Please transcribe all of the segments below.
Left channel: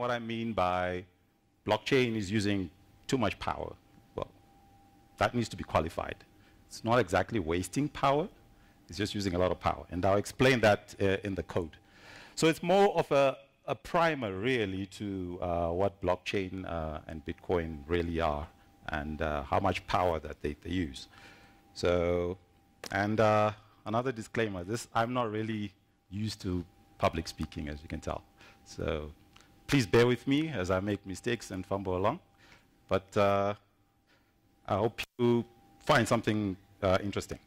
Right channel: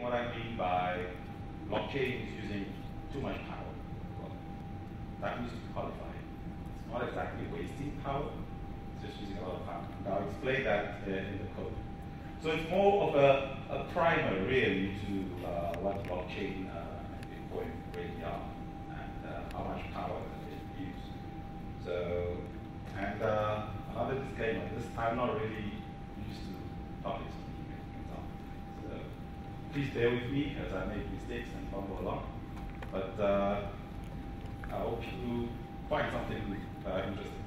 what I mean by blockchain is using too much power. Well, that needs to be qualified. It's not exactly wasting power, it's just using a lot of power. And I'll explain that in the code. So it's more of a primer, really, to what blockchain and Bitcoin really are, and how much power that they use. So, and another disclaimer, I'm not really used to public speaking, as you can tell. So please bear with me as I make mistakes and fumble along. But I hope you find something interesting.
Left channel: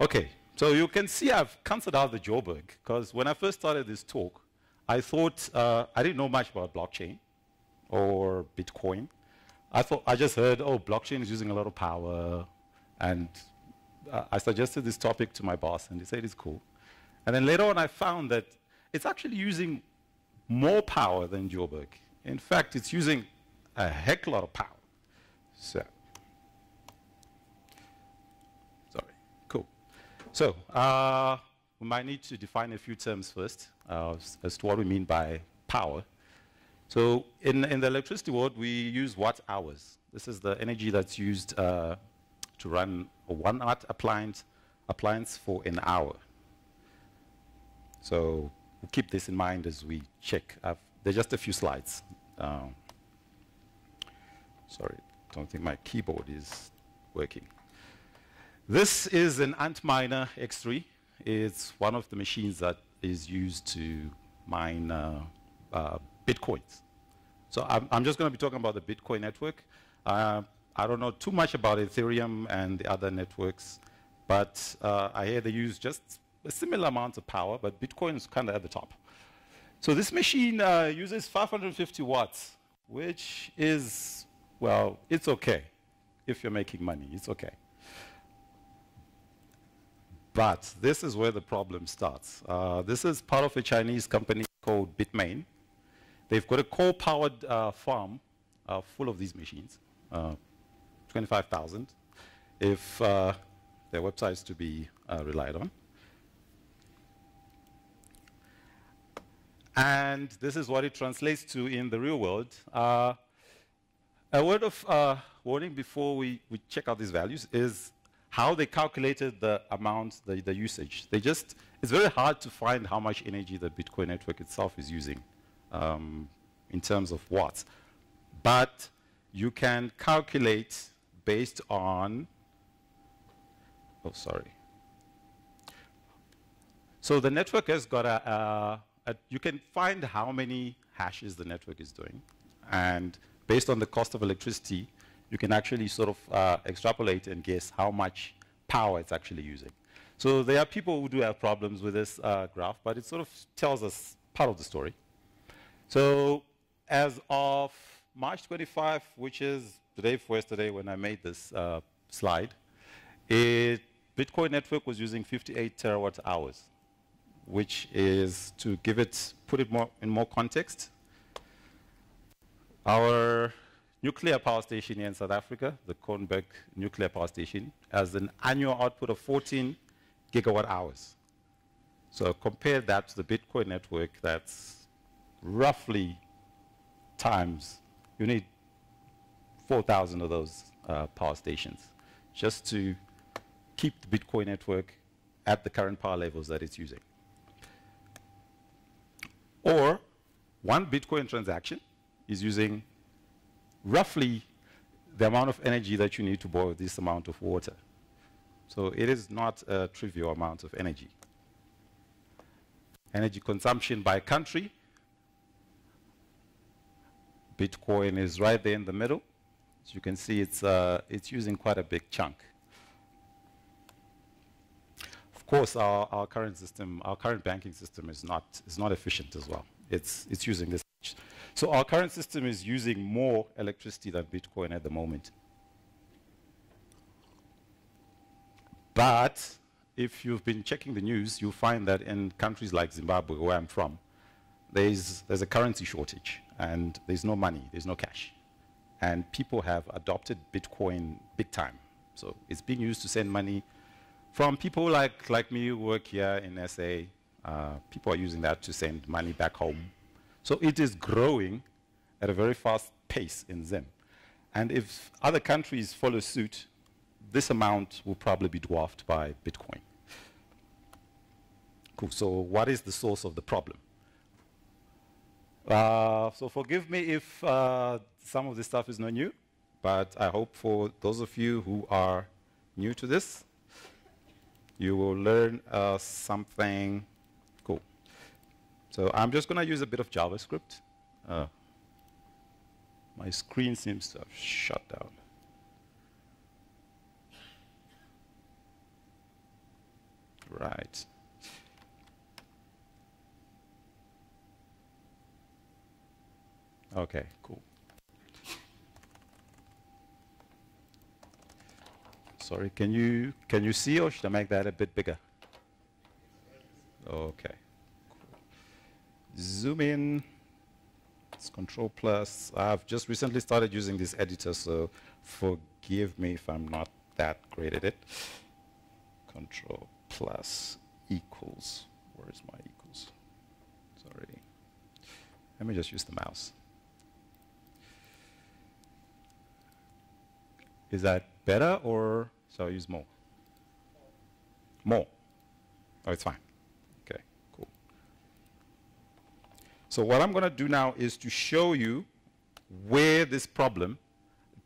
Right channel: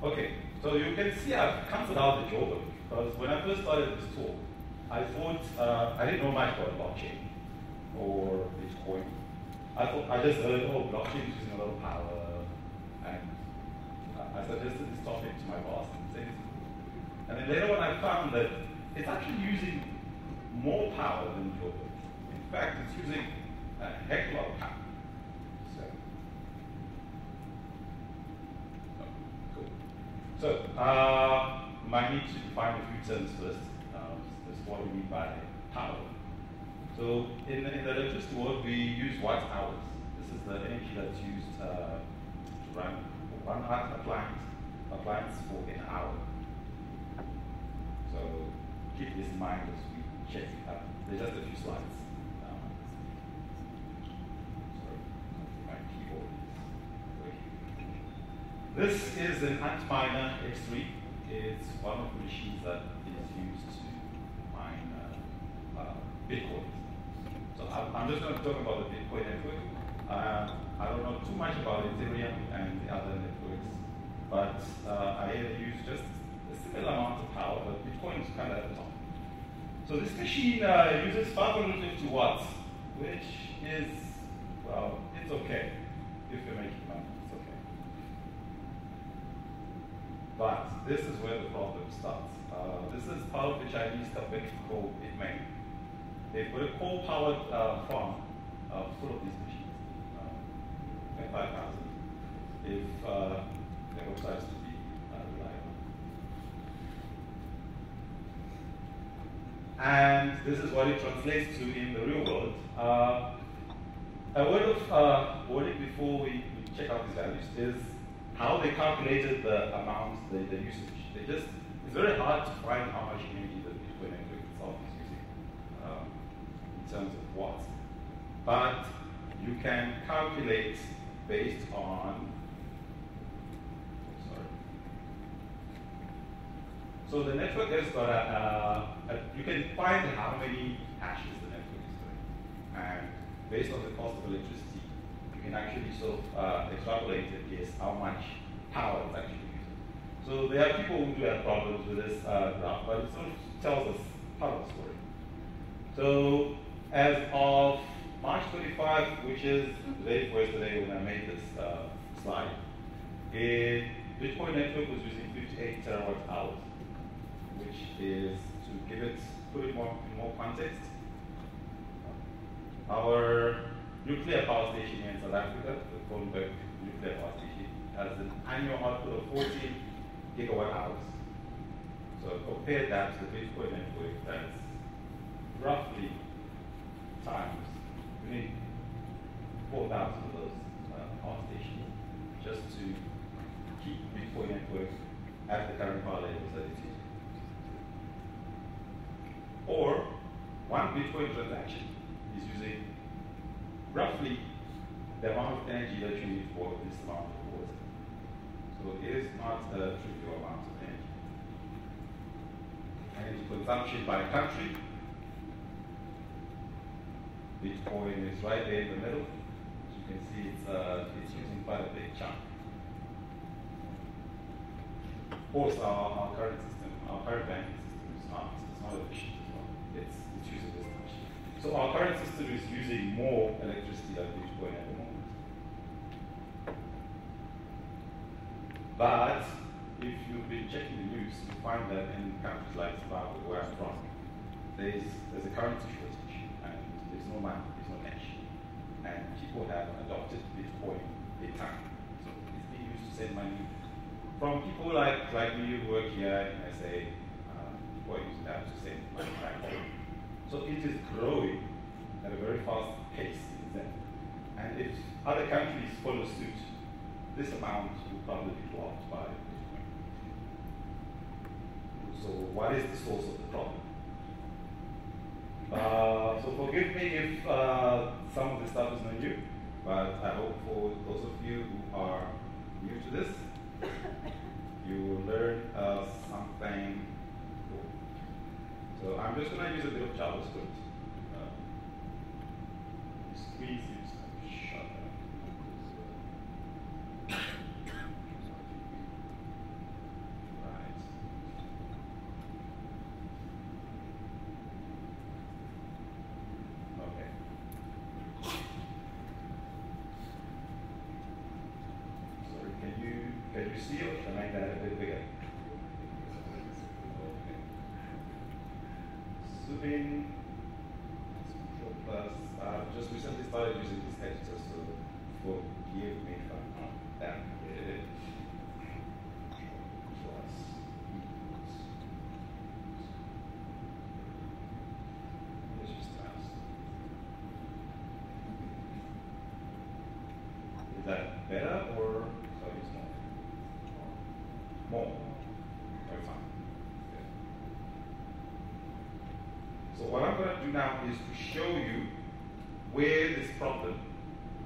Okay, so you can see I've cancelled out the Joburg, because when I first started this talk, I thought I didn't know much about blockchain or Bitcoin. I just heard, oh, blockchain is using a lot of power, and I suggested this topic to my boss, and he said it's cool. And then later on, I found that it's actually using more power than Joburg. In fact, it's using a heck lot of power. So, sorry, cool. So, might need to define a few terms first as to what we mean by power. So, in the electricity world, we use watt hours. This is the energy that's used to run a 1 watt appliance for an hour. So keep this in mind as we check. There's just a few slides. Sorry, I don't think my keyboard is working. This is an Antminer X3. It's one of the machines that is used to mine Bitcoins. So I'm just going to be talking about the Bitcoin network. I don't know too much about Ethereum and the other networks, but I hear they use just a similar amount of power, but Bitcoin is kind of at the top. So this machine uses 550 watts, which is, well, it's okay. If you're making money, it's okay. But this is where the problem starts. This is part of a Chinese company called Bitmain. They've got a coal-powered farm full of these machines, 25,000, if their website is to be relied on. And this is what it translates to in the real world. A word of warning before we check out these values is how they calculated the amount, the usage. It's very hard to find how much energy the Bitcoin network itself is using in terms of watts. But you can calculate based on, oh, sorry. So the network has got you can find how many hashes the network is doing. And based on the cost of electricity, you can actually sort of extrapolate and guess how much power it's actually using. So there are people who do have problems with this graph, but it sort of tells us part of the story. So as of March 25, which is the day before yesterday when I made this slide, Bitcoin network was using 58 terawatt hours, which is, to put it in more context, our nuclear power station here in South Africa, the Joburg nuclear power station, has an annual output of 14 gigawatt hours. So compare that to the Bitcoin network, that's roughly times, you need 4,000 of those power stations just to keep the Bitcoin network at the current power levels that it's using. Or one Bitcoin transaction is using roughly the amount of energy that you need to boil this amount of water. So it is not a trivial amount of energy. Energy consumption by country, Bitcoin is right there in the middle. As you can see, it's using quite a big chunk. Of course, our current system, our current banking system is not efficient as well. It's using this much. So our current system is using more electricity than Bitcoin at the moment. But if you've been checking the news, you'll find that in countries like Zimbabwe, where I'm from, there's a currency shortage, and there's no money, there's no cash. And people have adopted Bitcoin big time. So it's being used to send money from people like me who work here in SA. People are using that to send money back home. So it is growing at a very fast pace in Zim. And if other countries follow suit, this amount will probably be dwarfed by Bitcoin. Cool. So what is the source of the problem? So forgive me if some of this stuff is not new, but I hope for those of you who are new to this, you will learn something cool. So I'm just going to use a bit of JavaScript. My screen seems to have shut down. Right. Okay, cool. Sorry, can you see, or should I make that a bit bigger? Okay. Zoom in. It's Control plus. I've just recently started using this editor, so forgive me if I'm not that great at it. Control plus equals. Where's my equals? Sorry. Let me just use the mouse. Is that better, or shall I use more? More. Oh, it's fine. Okay, cool. So what I'm going to do now is to show you where this problem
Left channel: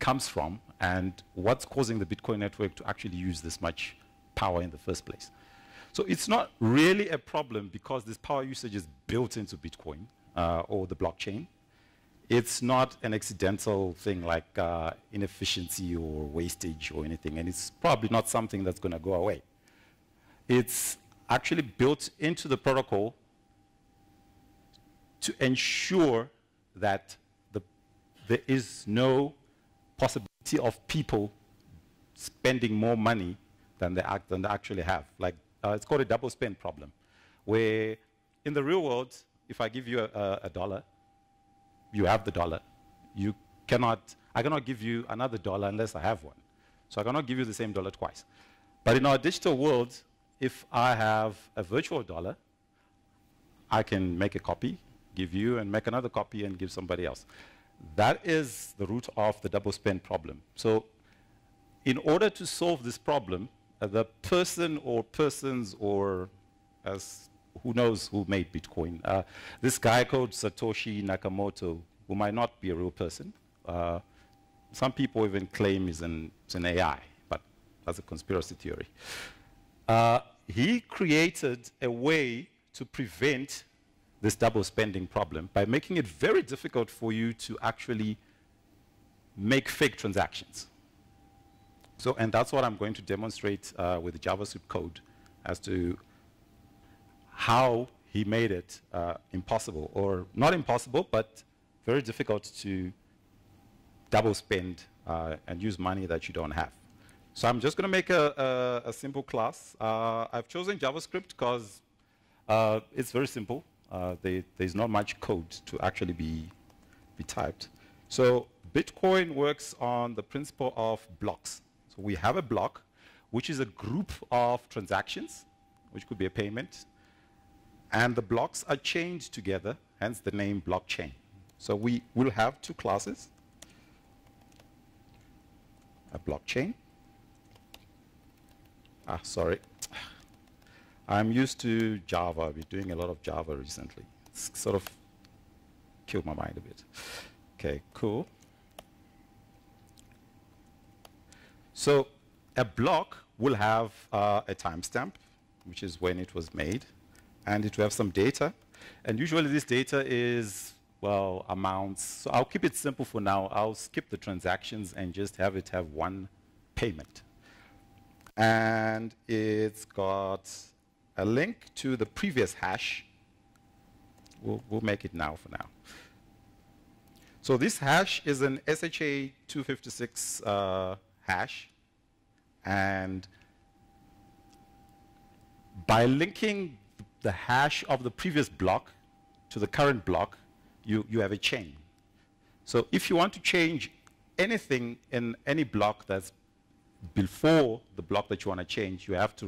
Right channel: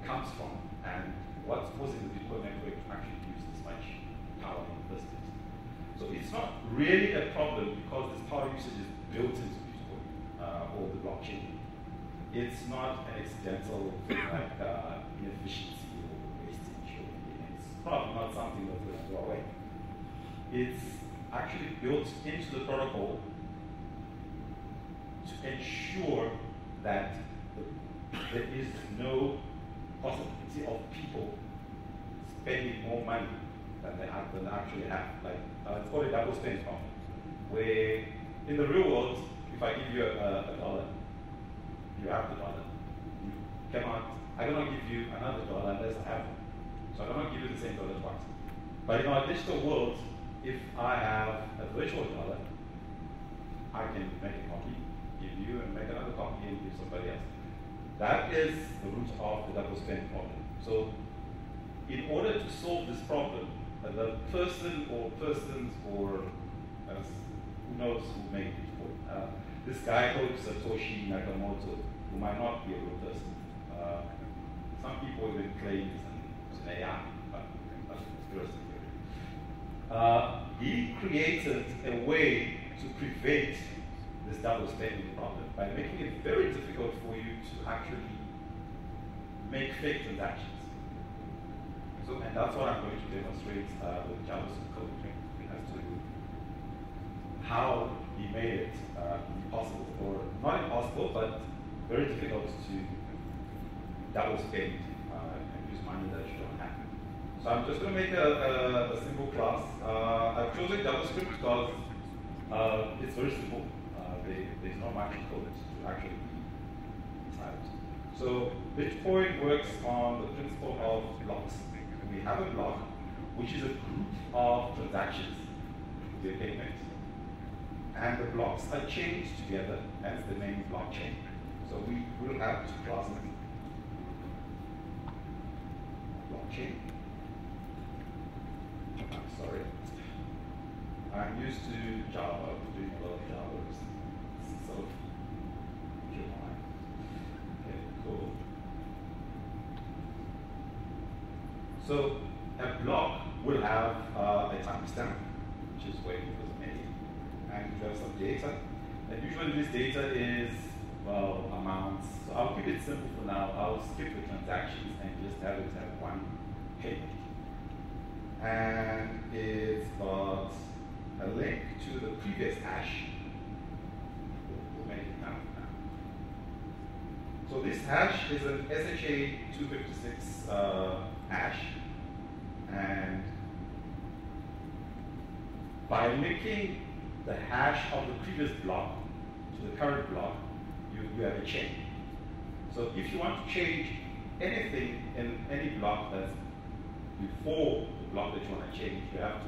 comes from and what's causing the Bitcoin network to actually use this much power in the first place. So it's not really a problem because this power usage is built into Bitcoin or the blockchain. It's not an accidental thing like inefficiency or wastage or anything, and it's probably not something that's going to go away. It's actually built into the protocol to ensure that there is no possibility of people spending more money than they actually have. Like it's called a double spend problem, where in the real world, if I give you a dollar, you have the dollar. I cannot give you another dollar unless I have one. So I cannot give you the same dollar twice. But in our digital world, if I have a virtual dollar, I can make a copy, give you, and make another copy and give somebody else. That is the root of the double spend problem. So in order to solve this problem, the person or persons or as who knows who made Bitcoin. This guy called Satoshi Nakamoto, who might not be a real person. Some people even claim it's an AI, but that's a conspiracy theory. He created a way to prevent this double spending problem by making it very difficult for you to actually make fake transactions. So, and that's what I'm going to demonstrate with the JavaScript code as to how he made it impossible, or not impossible, but very difficult to double spend and use money that you don't have. So I'm just going to make a simple class. I've chosen JavaScript because it's very simple. There's not much code to actually be typed. So Bitcoin works on the principle of blocks. So we have a block, which is a group of transactions, which could be a payment, and the blocks are chained together, hence the name blockchain. So we will have two classes, a blockchain. Sorry. I'm used to Java. I've been doing a lot of Java recently. It's sort of killed my mind a bit. Okay, cool. So a block will have a timestamp, which is when it was made, and it will have some data. And usually this data is, well, amounts. So I'll keep it simple for now. I'll skip the transactions and just have it have one payment. And it's got a link to the previous hash. We'll make it now for now. So this hash is an SHA-256 hash, and by linking the hash of the previous block to the current block, you have a chain. So if you want to change anything in any block that's before the block that you want to change, you have to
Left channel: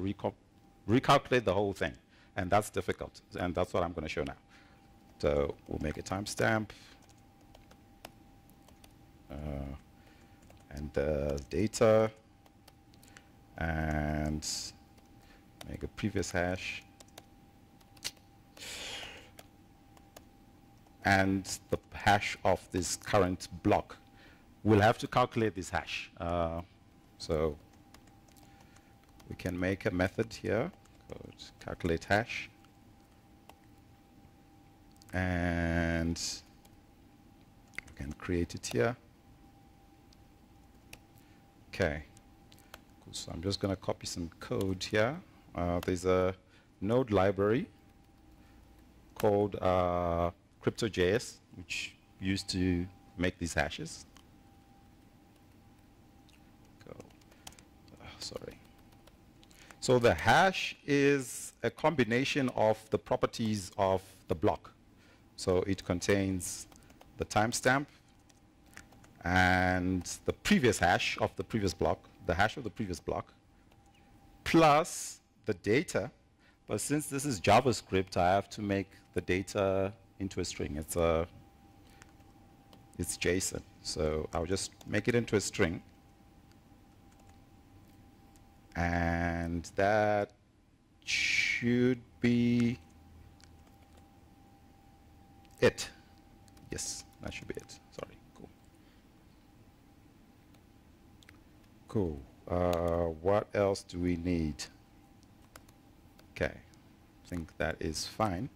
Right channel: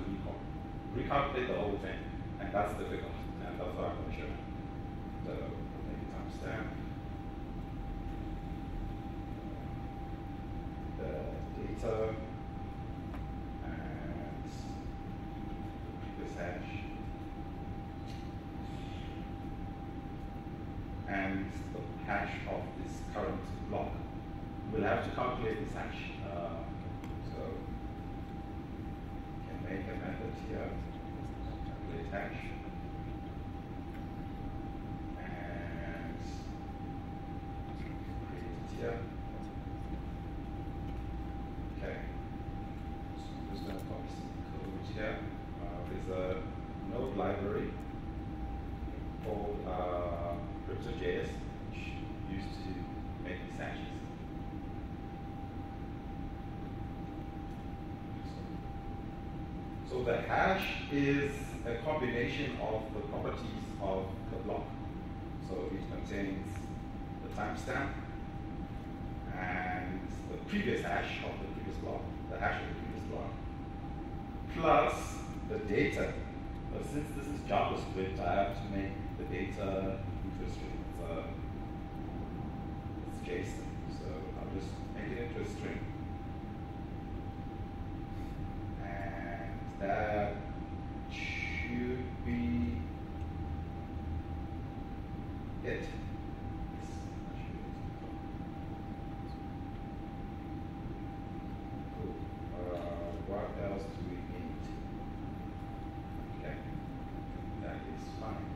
recalculate the whole thing, and that's difficult, and that's what I'm going to show now. So we'll make a timestamp. And the data. And make a previous hash. And the hash of this current block. We'll have to calculate this hash. So we can make a method here, calculate hash. And we can create it here. Okay. So I'm just going to copy some code here. There's a node library called Crypto.js, which used to make these hashes. Sorry. So the hash is a combination of the properties of the block. So it contains the timestamp and the previous hash of the previous block, the hash of the previous block, plus the data. But since this is JavaScript, I have to make the data into a string. It's JSON, so I'll just make it into a string. And that should be it. Yes, that should be it. Sorry. Cool. What else do we need? Okay, I think that is fine.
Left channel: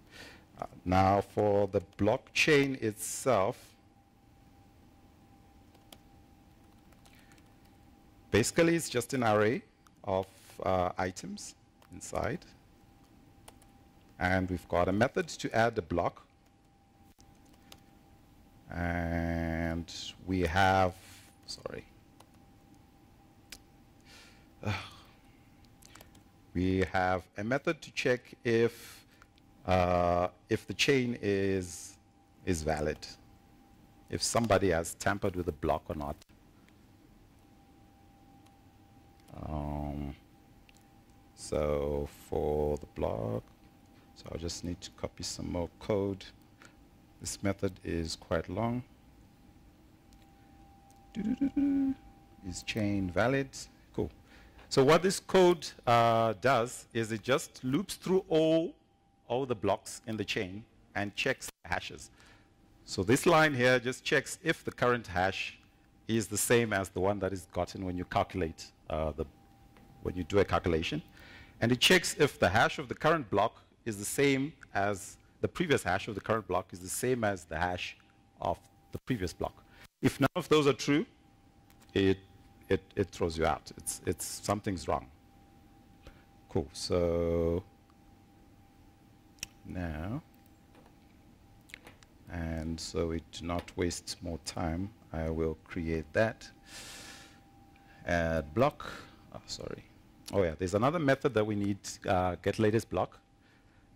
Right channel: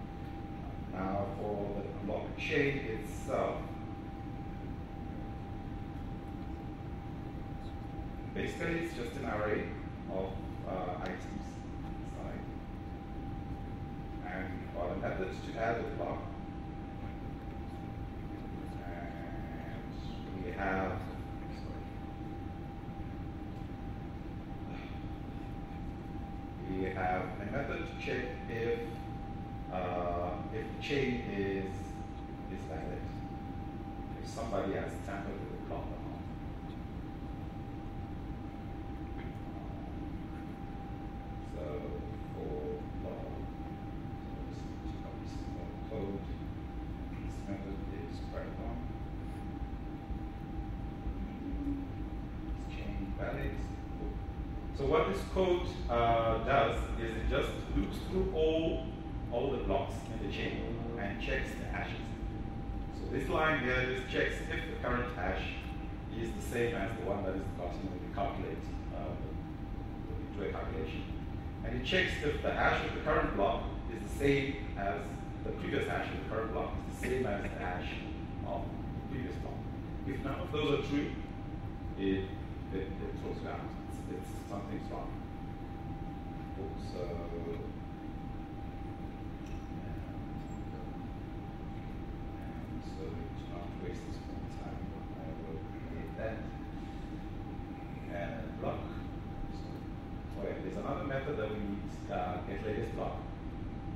Now for the blockchain itself, basically it's just an array of items inside. And we've got a method to add a block. And we have, sorry. We have a method to check if the chain is valid, if somebody has tampered with the block or not. So for the block, so I just need to copy some more code. This method is quite long. Is chain valid? Cool. So what this code does is it just loops through all the blocks in the chain and checks the hashes. So this line here just checks if the current hash is the same as the one that is gotten when you calculate when you do a calculation, and it checks if the hash of the current block is the same as the previous hash of the current block is the same as the hash of the previous block. If none of those are true, it throws you out. It's something's wrong. Cool. So now, and so we do not waste more time, I will create that. Add block. Oh, sorry. Oh yeah, there's another method that we need. Get latest block.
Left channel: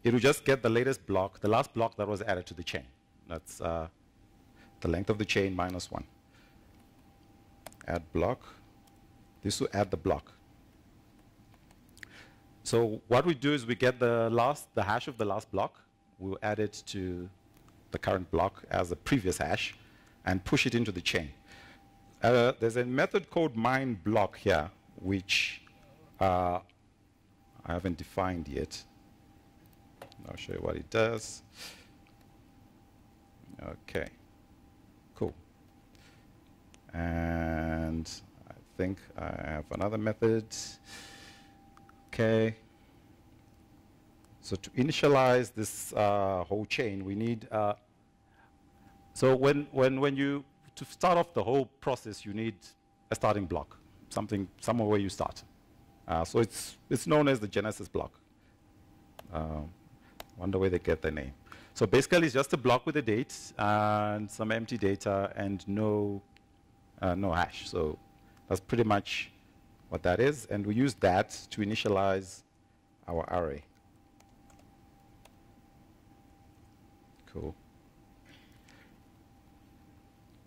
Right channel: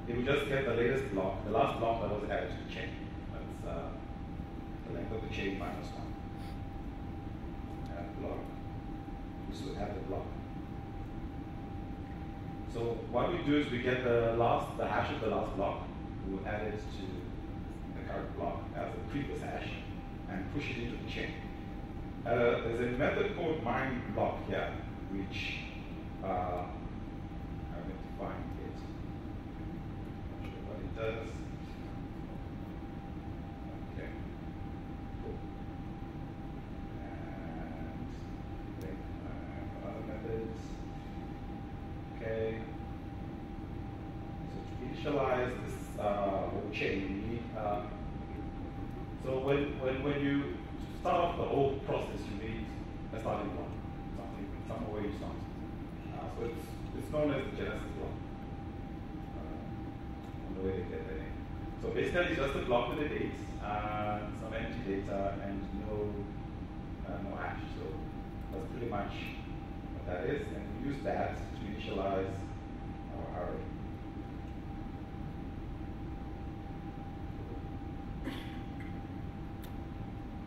It will just get the latest block, the last block that was added to the chain. That's the length of the chain minus 1. Add block. This will add the block. So what we do is we get the hash of the last block. We'll add it to the current block as a previous hash and push it into the chain. There's a method called mineBlock here, which I haven't defined yet. I'll show you what it does. Okay, cool. And I think I have another method. Okay. So to initialize this whole chain, we need. So to start off the whole process, you need a starting block, somewhere where you start. So it's known as the Genesis block. Wonder where they get their name. So basically, it's just a block with a date and some empty data and no hash. So that's pretty much what that is, and we use that to initialize our array. Cool.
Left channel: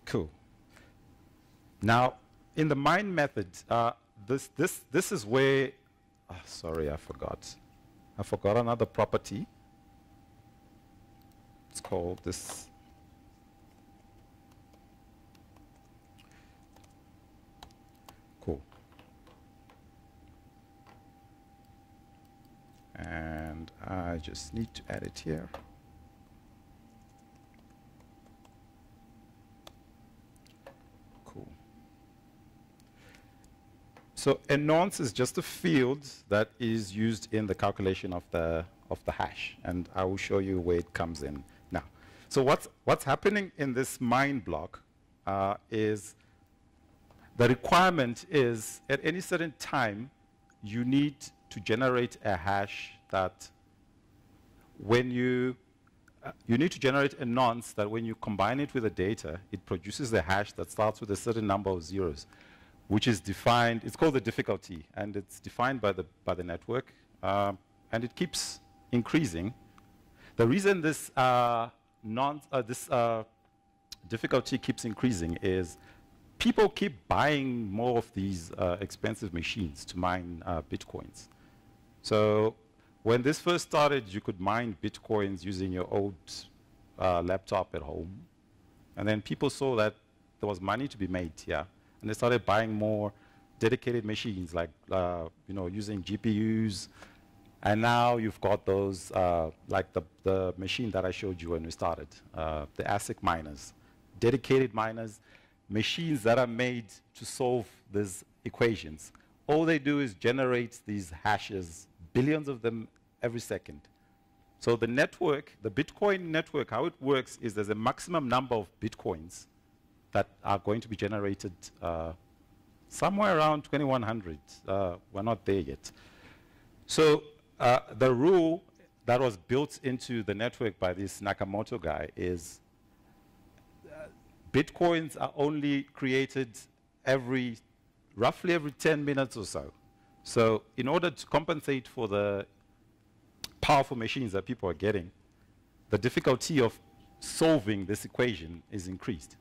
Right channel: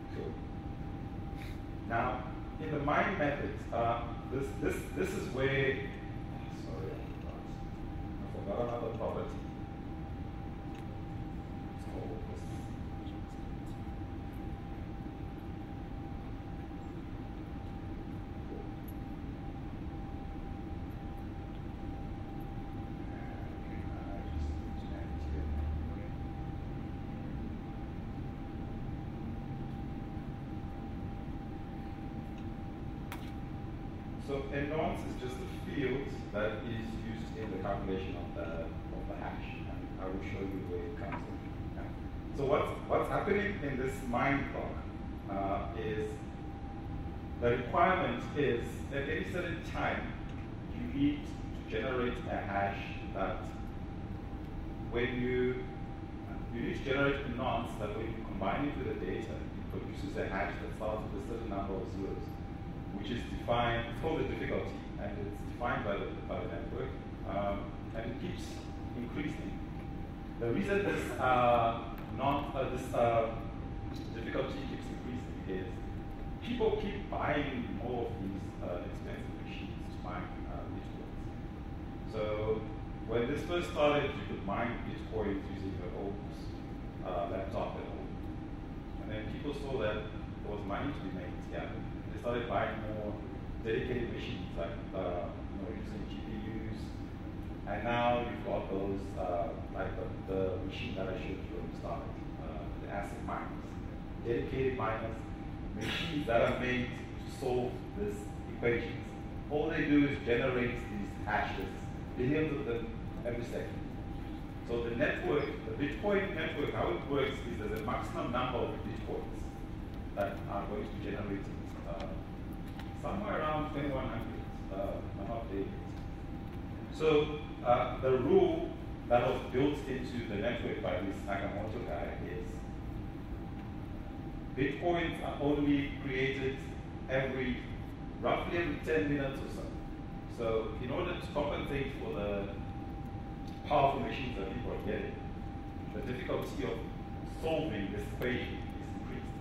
Cool. Now, in the mine method, this is where. Oh, sorry, I forgot. I forgot another property. Let's call this cool. And I just need to add it here. So a nonce is just a field that is used in the calculation of the hash, and I will show you where it comes in now. So what's happening in this mine block is the requirement is at any certain time you need to generate a hash that when you need to generate a nonce that when you combine it with the data, it produces a hash that starts with a certain number of zeros, which is defined, it's called the difficulty, and it's defined by the network, and it keeps increasing. The reason this difficulty keeps increasing is people keep buying more of these expensive machines to mine bitcoins. So when this first started, you could mine bitcoins using your old laptop at home, and then people saw that there was money to be made here. And they started buying more dedicated machines, like using GPUs. And now you've got those, like the machine that I showed you when we started, the ASIC miners, dedicated miners, machines that are made to solve these equations. All they do is generate these hashes, billions of them every second. So the network, the Bitcoin network, how it works is there's a maximum number of Bitcoins that are going to be generated somewhere around 2100. We're not there yet. So the rule that was built into the network by this Nakamoto guy is Bitcoins are only created roughly every 10 minutes or so. So in order to compensate for the powerful machines that people are getting, the difficulty of solving this equation is increased.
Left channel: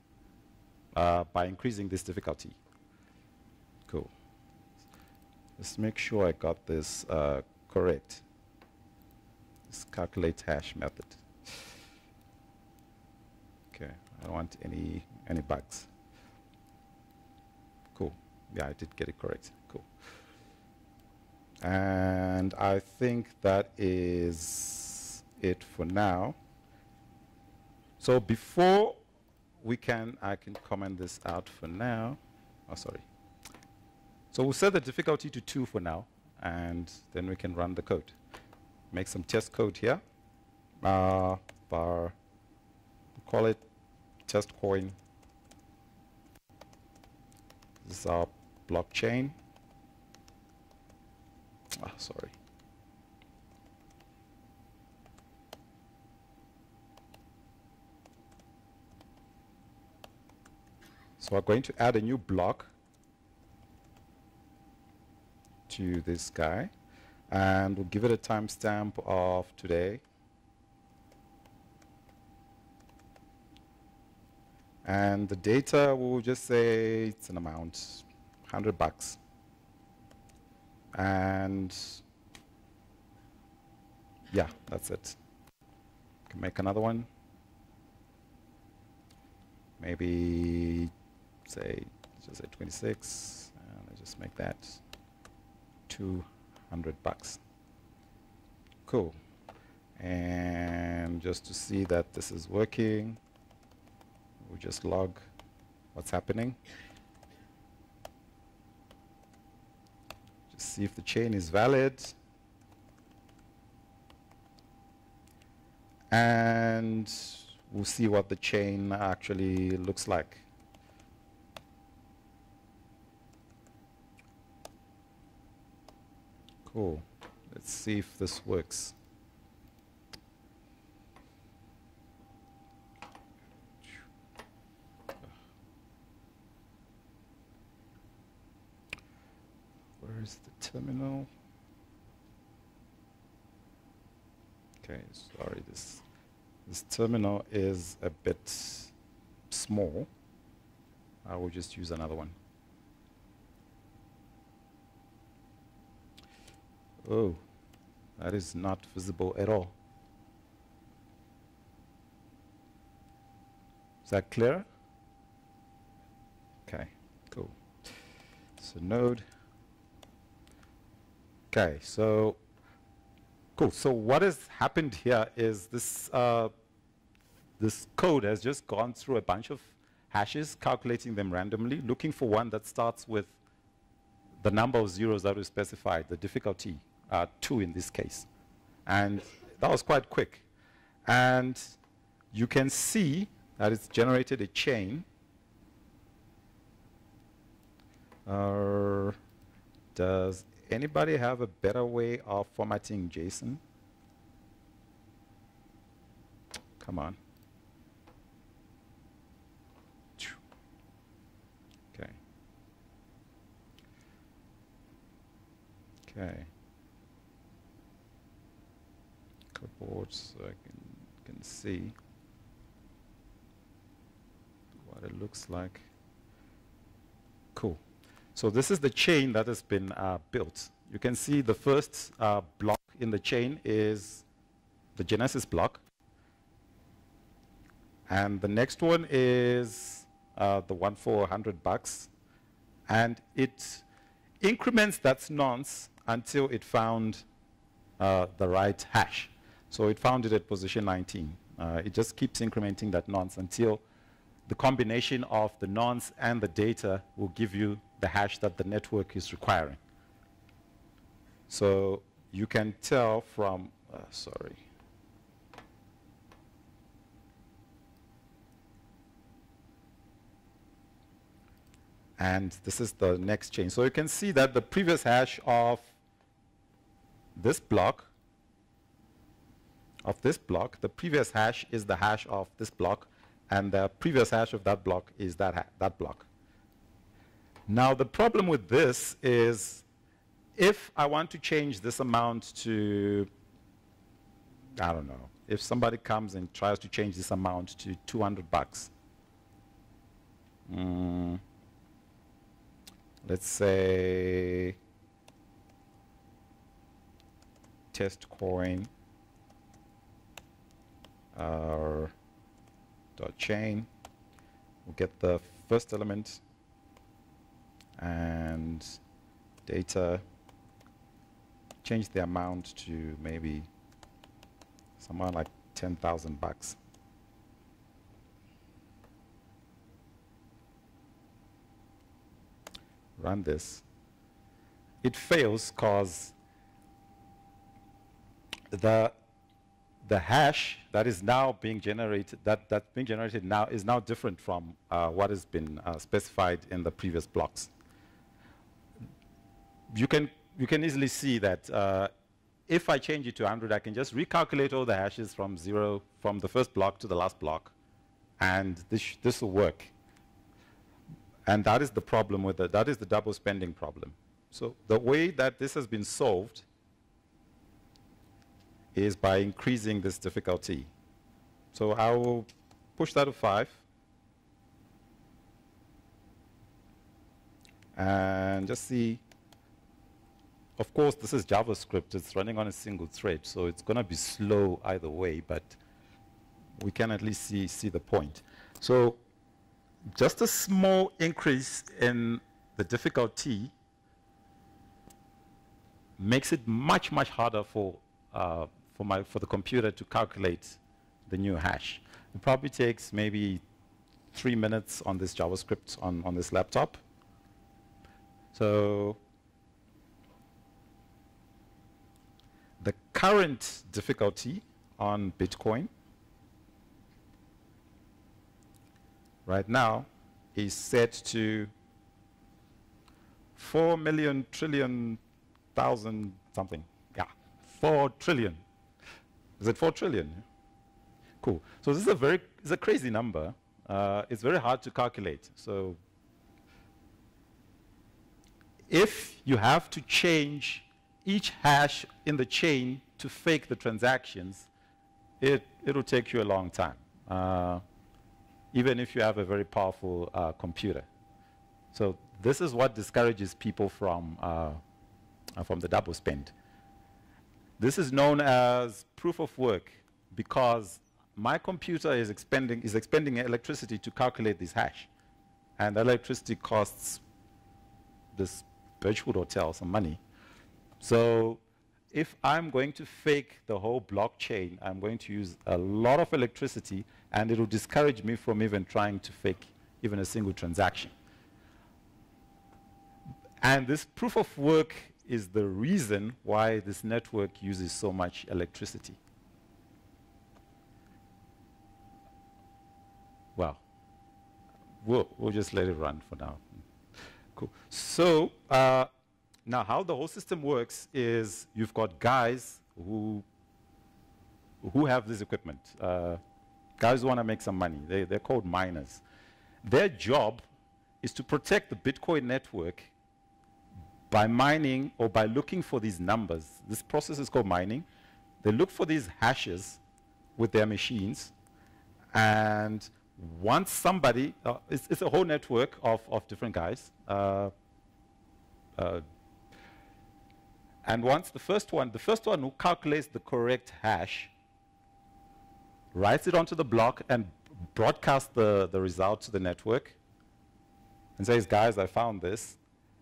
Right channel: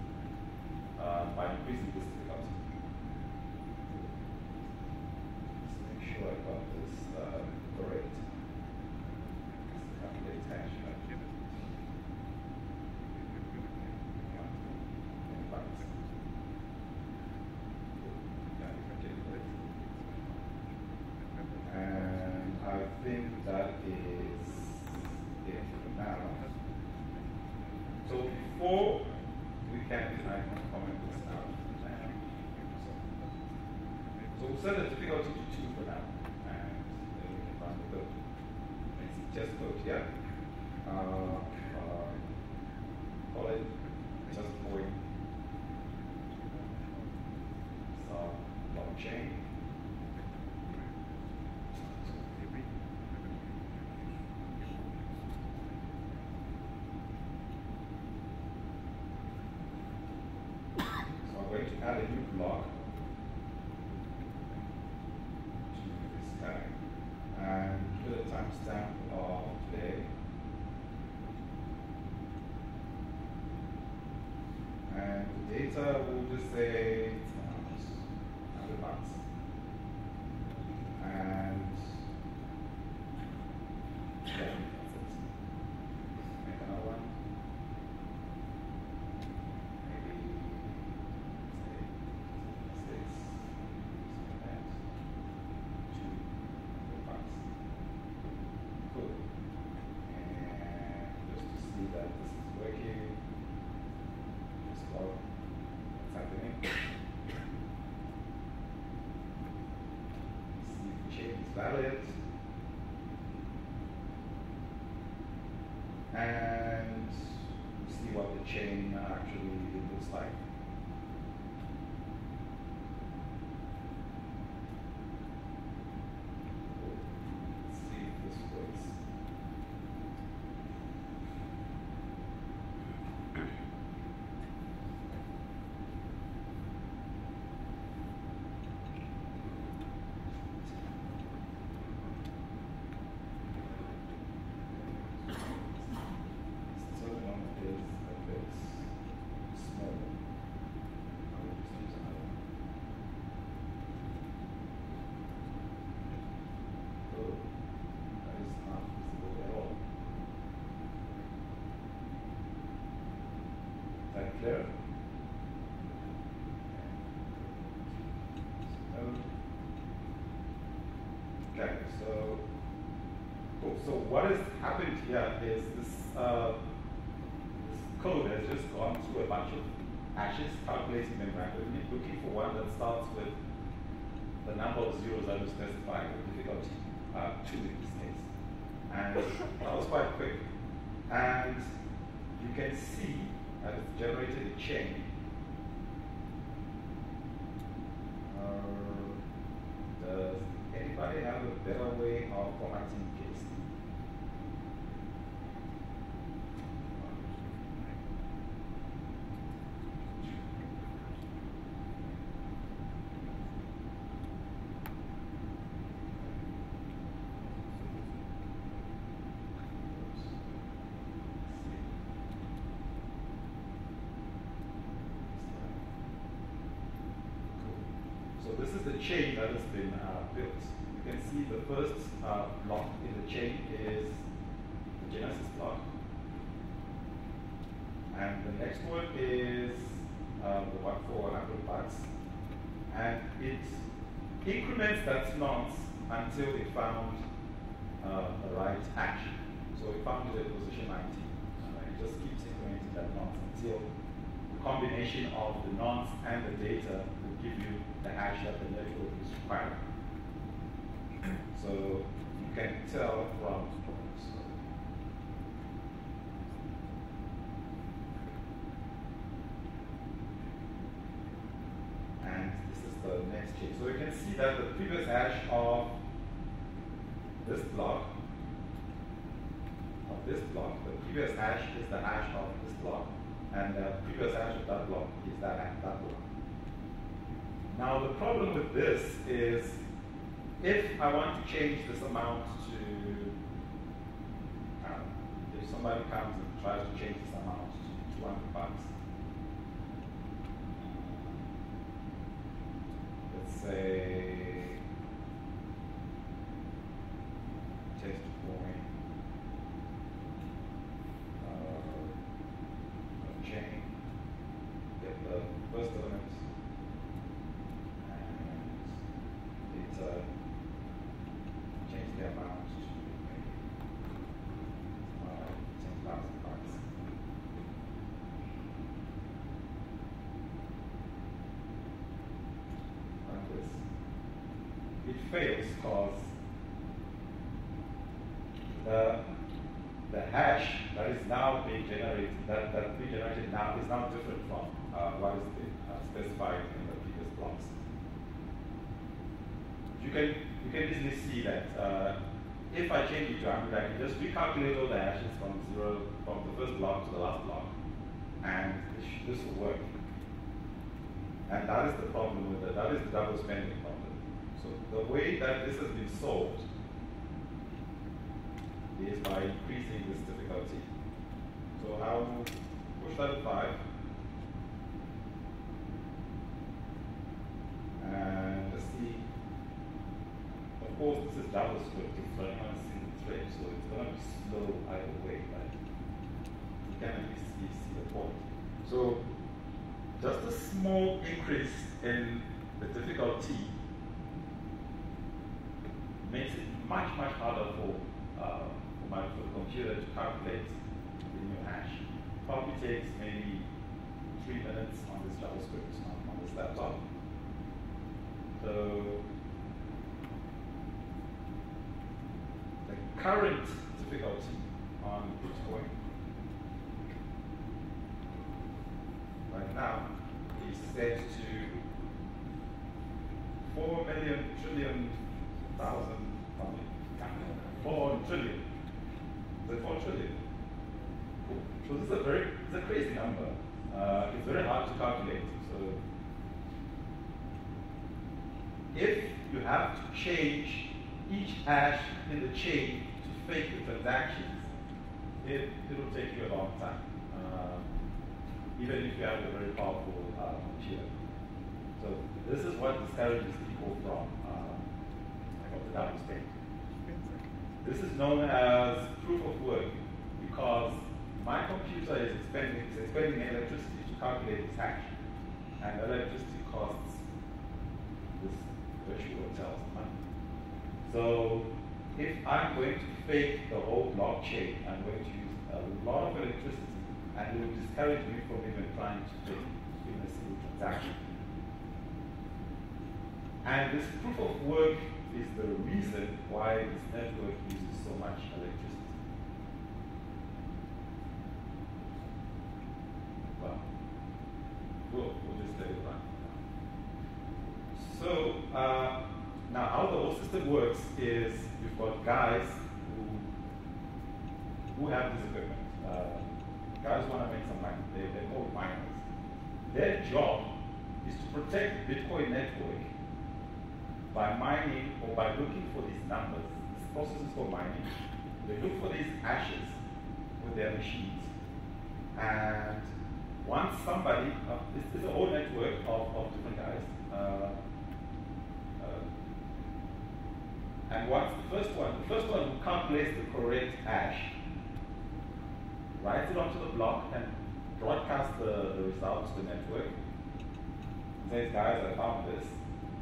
By increasing this difficulty. Cool. Let's make sure I got this correct. Let's calculate hash method. Okay, I don't want any bugs. Cool. Yeah, I did get it correct. Cool. And I think that is it for now. So before I can comment this out for now. Oh, sorry. So we'll set the difficulty to 2 for now, and then we can run the code. Make some test code here. Call it test point. This is our blockchain. Sorry. So we're going to add a new block to this guy, and we'll give it a timestamp of today. And the data, we'll just say it's an amount, $100. And yeah, that's it. Make another one. Maybe say 26, just make that $200. Cool. And just to see that this is working, we just log what's happening. Just see if the chain is valid. And we'll see what the chain actually looks like. Cool. Let's see if this works. Where's the terminal? Okay, sorry. This terminal is a bit small. I will just use another one. Oh, that is not visible at all. Is that clear? Okay, cool. So node. Okay, so cool. So what has happened here is this this code has just gone through a bunch of hashes, calculating them randomly, looking for one that starts with the number of zeros that we specified, the difficulty 2 in this case. And that was quite quick. And you can see that it's generated a chain. Does anybody have a better way of formatting JSON? Come on. Okay. Okay. Clipboard, so you can see what it looks like. Cool. So this is the chain that has been built. You can see the first block in the chain is the Genesis block. And the next one is the one for $100. And it increments that nonce until it found the right hash. So it found it at position 19. It just keeps incrementing that nonce until the combination of the nonce and the data will give you the hash that the network is requiring. So you can tell from, sorry. And this is the next chain. So you can see that the previous hash of this block, the previous hash is the hash of this block, and the previous hash of that block is that block. Now the problem with this is if I want to change this amount to, I don't know, if somebody comes and tries to change this amount to $200, let's say test coin dot chain, get the first element and data, change the amount to maybe somewhere like $10,000. Run this. It fails because the hash that is now being generated, that being generated now is now different from what has been specified in the previous blocks. You can easily see that if I change it to 100, I can just recalculate all the hashes from the first block to the last block, and this will work. And that is the problem with it. That is the double spending problem. So the way that this has been solved is by increasing this difficulty. So I will push that to 5. And just see, of course, this is JavaScript. It's running on a single thread, so it's going to be slow either way, but we can at least see the point. So just a small increase in the difficulty makes it much, much harder for the computer to calculate the new hash. It probably takes maybe 3 minutes on this JavaScript on this laptop. So the current difficulty on Bitcoin right now is set to 4 million trillion thousand something. Yeah, 4 trillion. Is it 4 trillion? Cool. So this is a crazy number. It's very hard to calculate. So if you have to change each hash in the chain to fake the transactions, it'll take you a long time, even if you have a very powerful computer. So this is what discourages people from the double spend. This is known as proof of work because my computer is expending electricity to calculate this hash. And electricity costs this virtual hotel some money. So if I'm going to fake the whole blockchain, I'm going to use a lot of electricity, and it will discourage me from even trying to fake even a single transaction. And this proof of work is the reason why this network uses so much electricity. Well, we'll just let it run for now. Cool. So now how the whole system works is you've got guys who have this equipment. Guys who want to make some money. They're called miners. Their job is to protect the Bitcoin network by mining or by looking for these numbers. This process is called mining. They look for these hashes with their machines, and once somebody, it's a whole network of different guys, and once the first one who calculates the correct hash, writes it onto the block and broadcasts the result to the network and says, guys, I found this.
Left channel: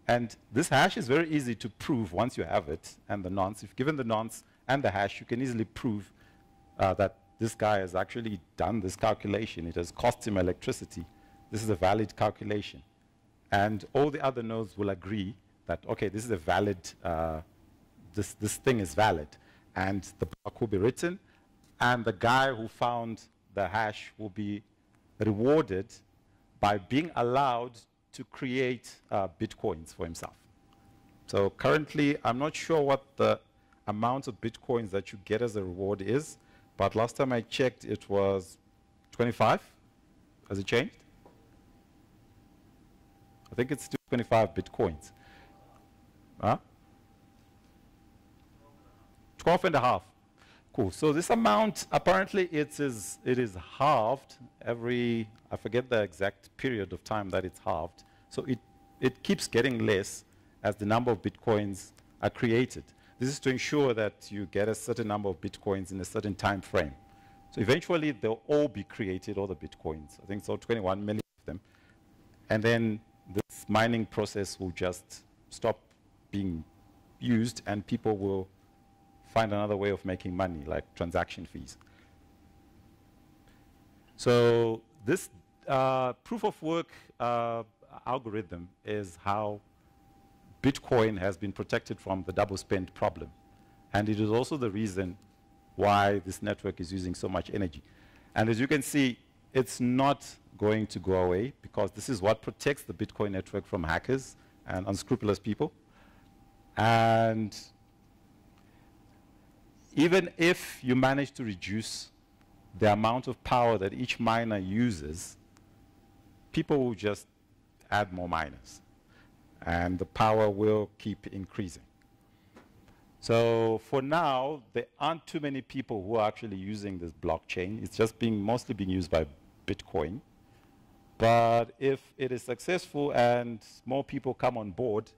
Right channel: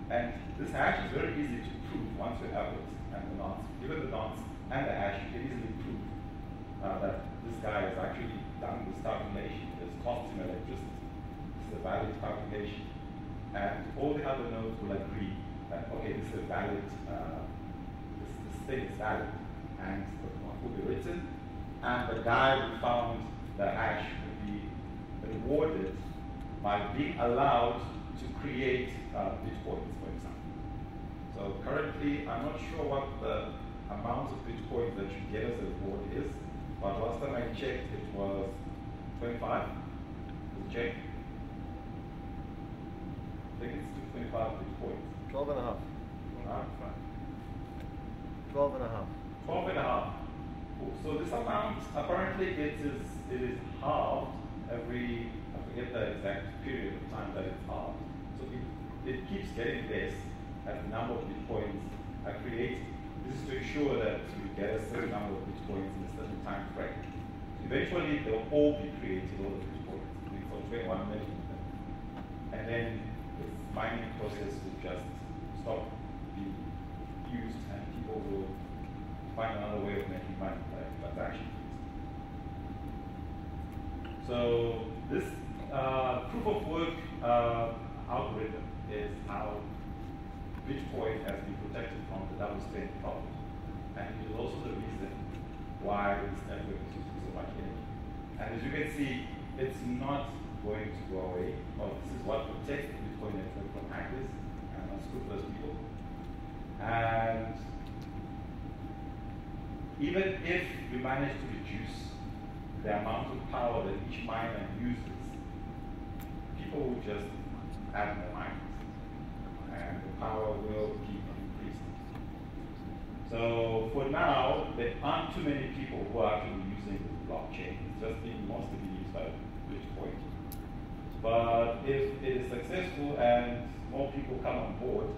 And this hash is very easy to prove once you have it and the nonce. If given the nonce and the hash, you can easily prove that this guy has actually done this calculation. It has cost him electricity. This is a valid calculation. And all the other nodes will agree that, okay, this is a valid, this thing is valid. And the block will be written, and the guy who found the hash will be rewarded by being allowed to create Bitcoins for himself. So currently, I'm not sure what the amount of Bitcoins that you get as a reward is, but last time I checked, it was 25. Has it changed? I think it's still 25 Bitcoins. 12 and a half. Huh? 12 and a half. 12 and a half. Cool. So this amount, apparently it is halved every, I forget the exact period of time that it's halved. So it keeps getting less as the number of Bitcoins are created. This is to ensure that you get a certain number of Bitcoins in a certain time frame. So eventually they'll all be created, all the Bitcoins. I think so, 21 million of them. And then this mining process will just stop being used, and people will find another way of making money, like transaction fees. So this proof of work algorithm is how Bitcoin has been protected from the double spend problem. And it is also the reason why this network is using so much energy. And as you can see, it's not going to go away, because this is what protects the Bitcoin network from hackers and unscrupulous people. And even if you manage to reduce the amount of power that each miner uses, people will just add more miners, and the power will keep increasing. So for now, there aren't too many people who are actually using this blockchain. It's just mostly being used by Bitcoin. But if it is successful and more people come on board,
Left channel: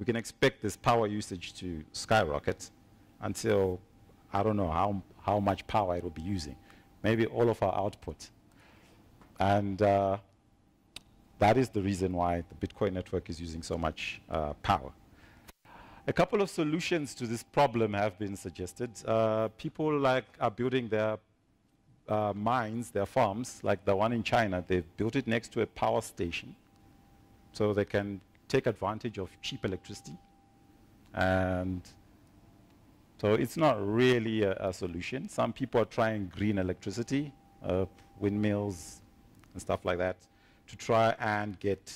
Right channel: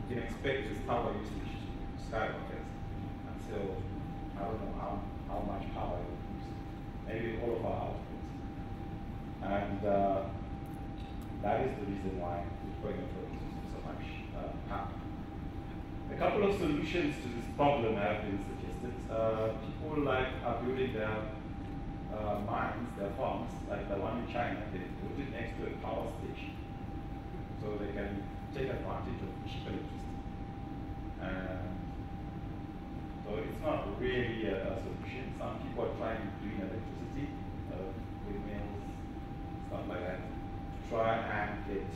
we can expect this power usage to skyrocket until, I don't know how much power it will be using. Maybe all of our output. And that is the reason why the Bitcoin network is using so much power. A couple of solutions to this problem have been suggested. People are building their mines, their farms, like the one in China. They've built it next to a power station, so they can take advantage of cheap electricity. And so it's not really a solution. Some people are trying green electricity, windmills and stuff like that, to try and get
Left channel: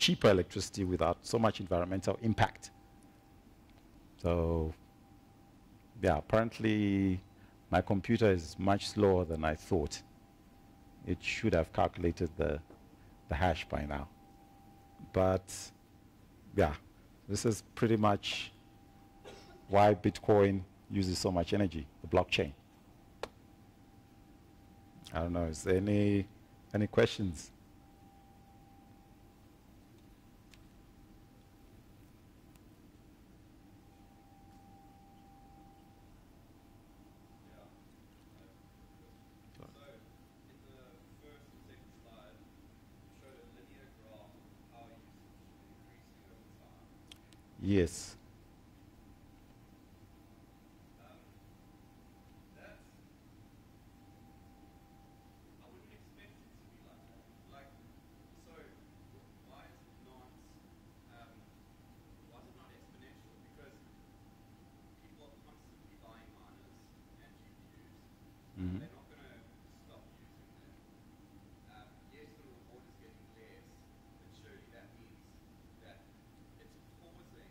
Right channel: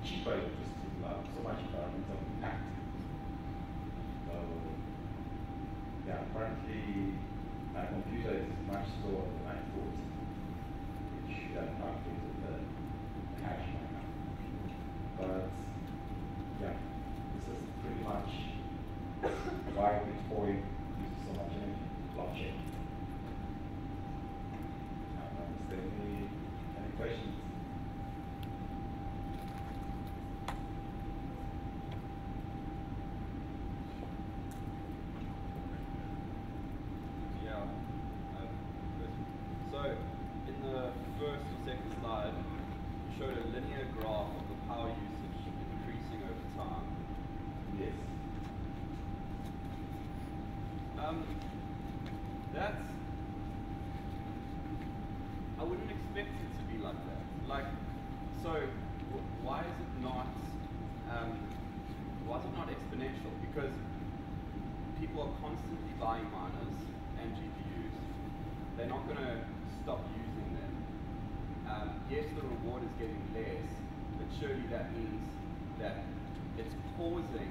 cheaper electricity without so much environmental impact. So yeah, apparently my computer is much slower than I thought. It should have calculated the hash by now. But yeah, this is pretty much why Bitcoin uses so much energy, blockchain. I don't know, is there any questions? Yes. That's, I wouldn't expect it to be like that. Like, so why is it not exponential? Because people are constantly buying miners and GPUs. They're not going to stop using them. Yes, the reward is getting less, but surely that means that it's causing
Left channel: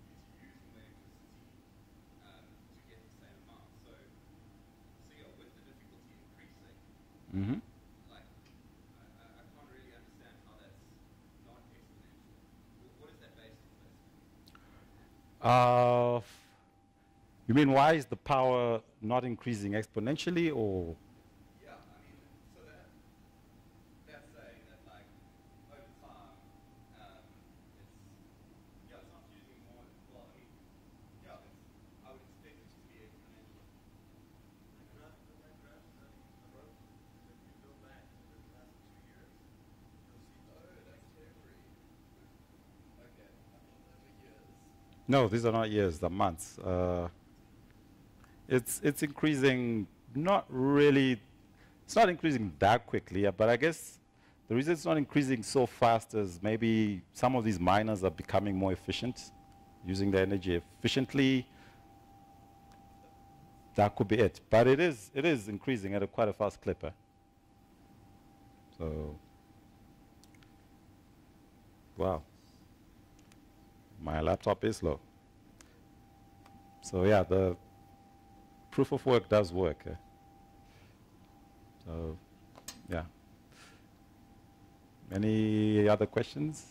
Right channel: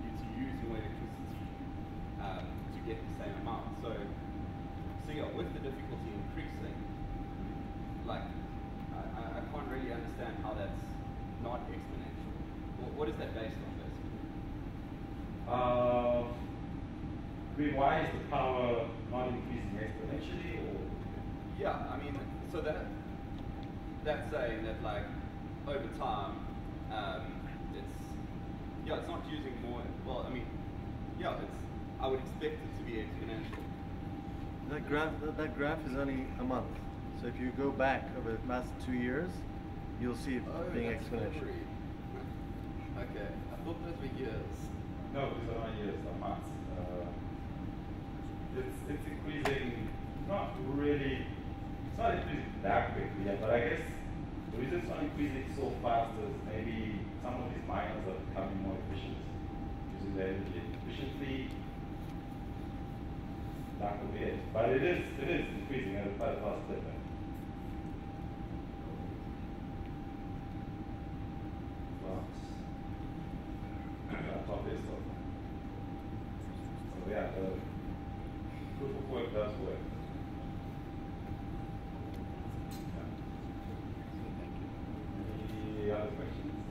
you to use more electricity to get the same amount. So yeah, with the difficulty increasing, like I can't really understand how that's not exponential. What is that based on, basically? You mean why is the power not increasing exponentially, or? Yeah, I mean, so that's saying that, like, over time, it's not using more. Well, I mean, yeah, I would expect it to be exponential. That graph is only a month. So if you go back over the last 2 years, you'll see it being exponential. Okay, I thought those were years. No, these are not years, they're months. It's increasing, not really, it's not increasing that quickly, but I guess the reason it's not increasing so fast is maybe some of these miners are becoming more efficient, using their energy efficiently. That could be it. But it is increasing at quite a fast clip. So, wow. My laptop is slow. So yeah, the proof of work does work. So, yeah. Any other questions?